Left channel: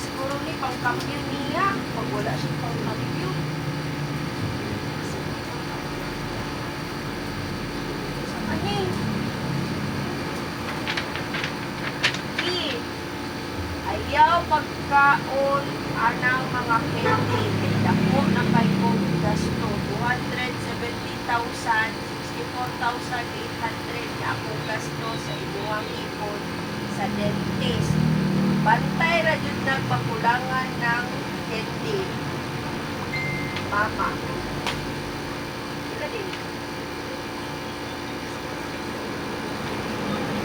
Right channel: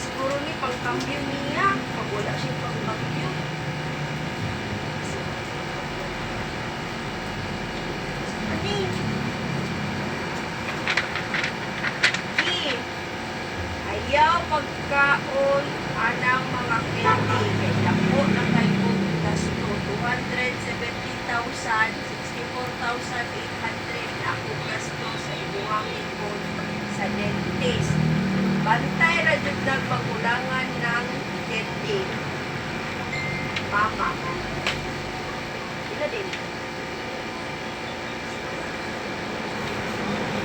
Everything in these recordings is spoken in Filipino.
siguro ni pangkambyo niya. Pag wala siya pangkambyo. Ani? Ayaw pagkaon anang mga candy. Kay dako na kayo gasto. 270,000, 64,800 ako gasto sa imuhang ikon sa dentist. Bantay ra jud nagmakulangan ng candy. Mama. Ila din.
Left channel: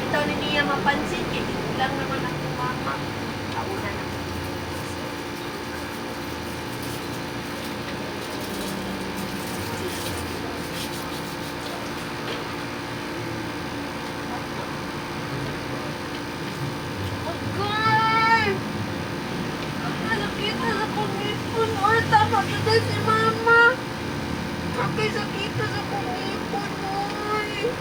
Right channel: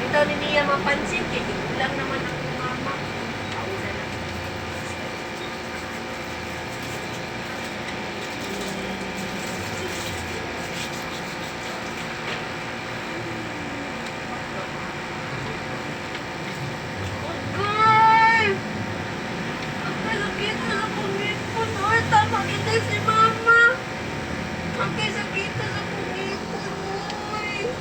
Ito ni niya mapansin kay di lang naman ako mama. Kauna na. Tama kita si mama. Akay sakita sa kumipon, oy.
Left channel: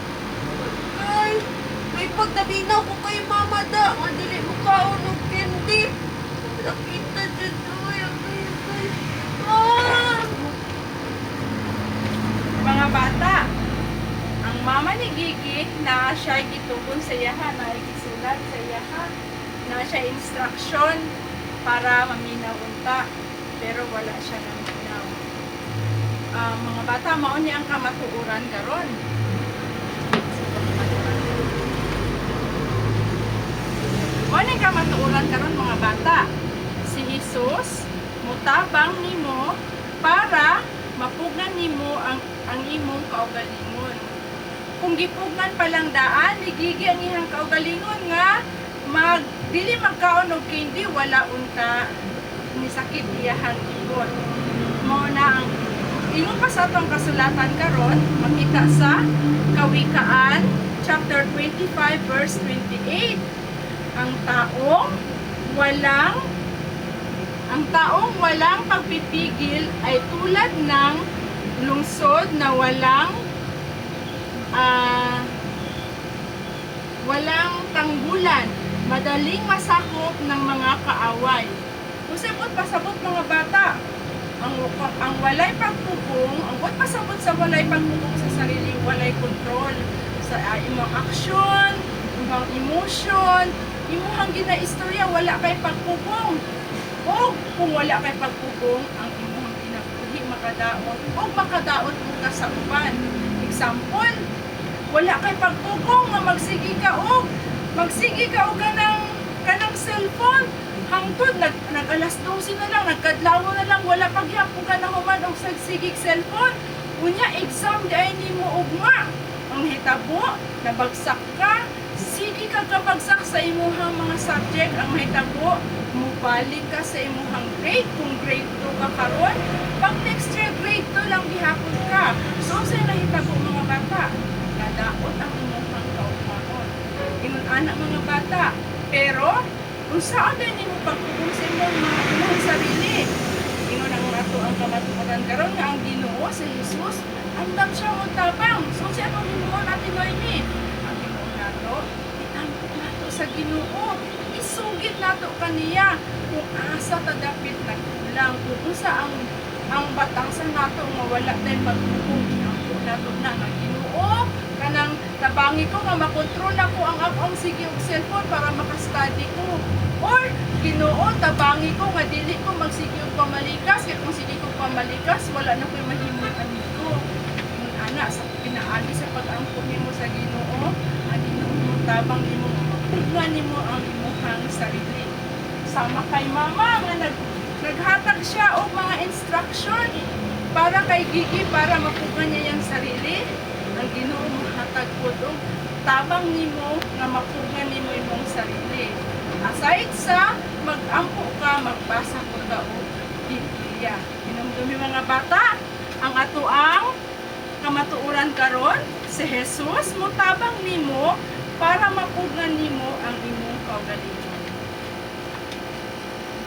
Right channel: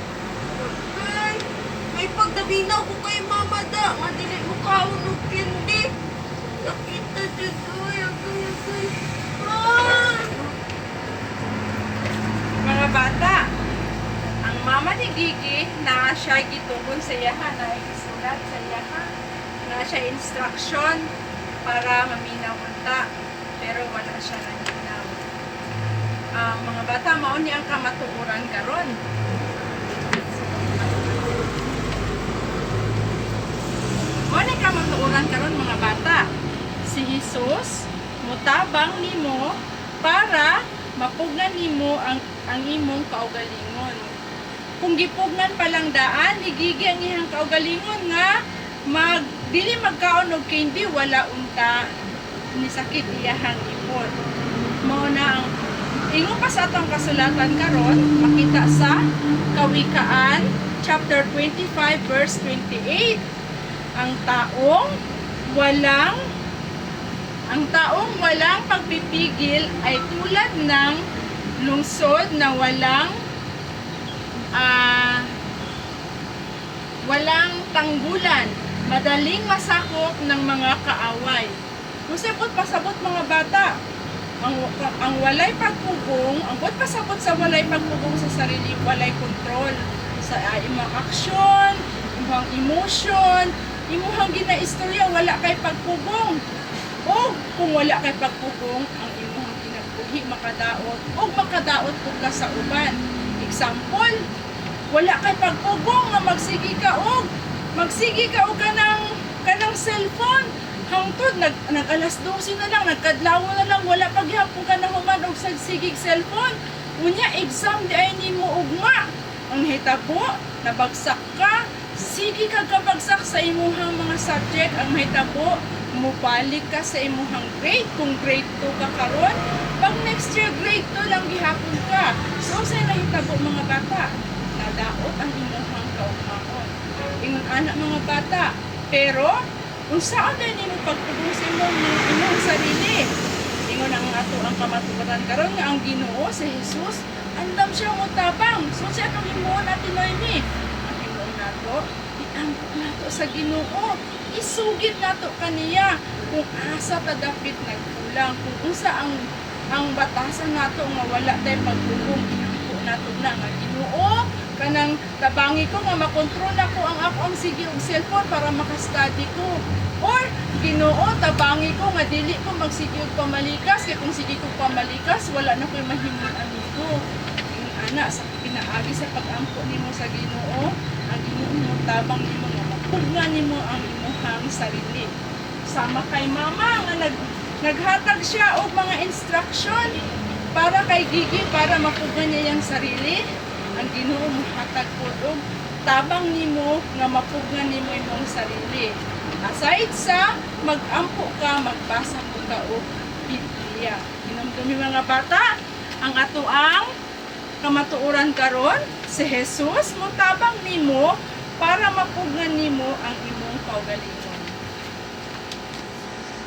Akay. May pagdabinaw ko kay mama da. Ang dili mo kaon og candy. Sakita dyan, oy. Akay. Ah! Mga bata, ang mama ni Gigi na siya gitubon sa iyahan, na gisulat sa iyahan, na siya instruction para maminaw unta. Pero wala siya naminaw. Mga bata, mao ni ang kamatuoran karon. Mao ni kamatuoran karon mga bata. Si Jesus mutabang nimo para mapugnan nimo ang imong kaugalingon. Kung gipugnan pa lang daan ni Gigi ang iyang kaugalingon nga dili magkaon og candy, wala unta ni sakit iyahang ipon. Mao na ang ingon pa sa atong kasulatan karon, makita sa Kawikaan chapter 25 verse 28. Ang taong walang pagpipigil ay tulad ng lungsod na walang tanggulan, madaling masakop ng mga kaaway. Musipot pasabot mga bata, ang walay pagpugong, ang pasabot sa walay pagpugong sa sarili, walay control sa imong aksyon, imong emotion, imong ginaistorya, wala kay pagpugong. O kung wala kay pagpugong, ang imong kinabuhi makadaot o makadaot ka sa uban. Example, wala kay pagpugong na magsigi ka og kanang cellphone. Hangtod, nag-alas 12 na lang, nagkadlaw na lang, wala paghapon ka na humad og sagsigig cellphone. Unya, exam di ay ni mo ugma. Ang hitabo, nabagsak ka, sige ka kabagsak sa imuhang mga subject. Ang hitabo, mubalik ka sa imuhang grade. Kung grade 2 ka karon, pag next year grade 2 lang gihapon ka. So, sa nahitabo mga bata, nadaot ang imuhang kaugmaon. Ingon anak mga bata, pero kung saan din mo pagpudusin mo mga sarili. Ingon ang ato ang kamatuoran karon nga ang Ginoo si Jesus andam siya mo tabang. So siya kung himuon natin Noemi. Ang himuon nato, itampo nato sa Ginoo. Isugid nato kaniya kung asa ta dapit nagkulang, kung usa ang batasan nato nga wala tay pagpugong, itampo nato na nga Ginoo. Kanang tabangi ko nga makontrol ako ang akong sige og cellphone para makastudy ko. Or Ginoo, tabangi ko nga dili ko magsige og pamalikas kay kung sige ko pamalikas wala na koy mahimuon nito. Ingon ana sa pinaagi sa pag-ampo nimo sa Ginoo, ang Ginoo tabang nimo mapugnan nimo ang imong sarili. Sama kay mama nga naghatag siya og mga instruction para kay Gigi para mapugnan niya yang sarili. Ang Ginoo mahatag pud og tabang nimo nga mapugnan nimo imong sarili. Aside sa mag-ampo ka, magbasa po ka og Biblia. Hinumdumi mga bata, ang atoang kamatuoran karon si Jesus motabang nimo para mapugnan nimo ang imong kaugalingon.